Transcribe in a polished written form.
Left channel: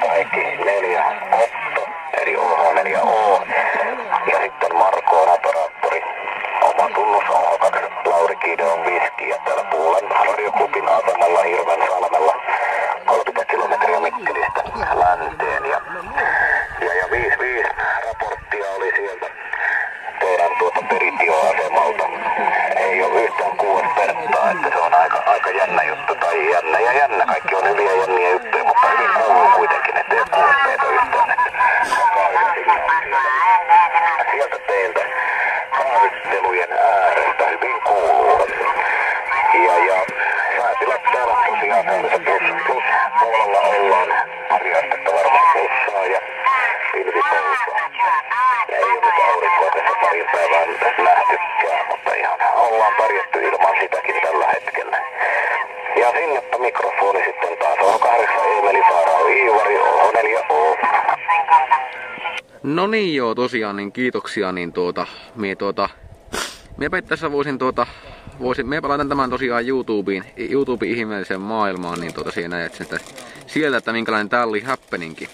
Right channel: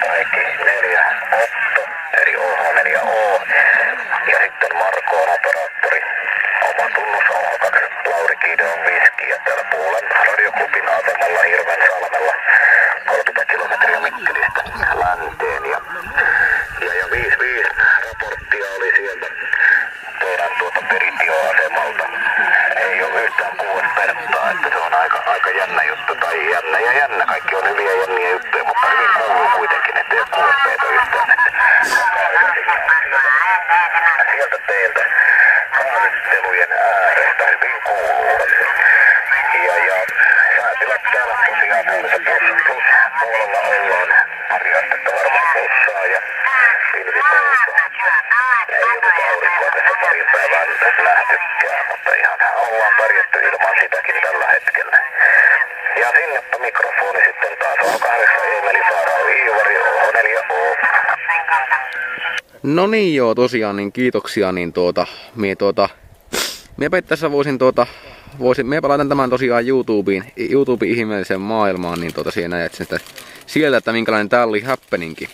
kaikki 4 Otto, eli OH4O. Ja sitten Marko on operaattori. Oma tunnus OH2, Lauri Kiide on viski ja täällä Puulan radioklubin asemalla Hirvensalmella. 30 kilometriä Mikkelistä länteen ja 55 raporttia oli sieltä teidän peritioasemalta. Ei ole yhtään 6 perttaa, että se on aika jännä juttu tai jännä ja jännä. Kaikki on hyviä jänniä juttuja, mutta hyvin kuuluu kuitenkin, ettei ole kuulpeita yhtään. Sieltä teiltä haastattelujen äärestä hyvin kuuluu. Ja säätilät täällä tosiaan plus puolella ollaan. Pari varmaan plussaa ja pilvipalloa. Ei ole nyt aurinkoa tässä parin päivää nähtykään, mutta ihan ollaan pärjätty ilman sitäkin tällä hetkellä. Ja sinnepä mikrofoni sitten taas on 8 Emeli Saarao Iivari OH4O. No niin joo, tosiaan niin kiitoksia, niin miepä tässä miepä laitan tämän tosiaan YouTubeen ihmeelliseen maailmaan, niin siinä näet sieltä, että minkälainen tää oli happeninki.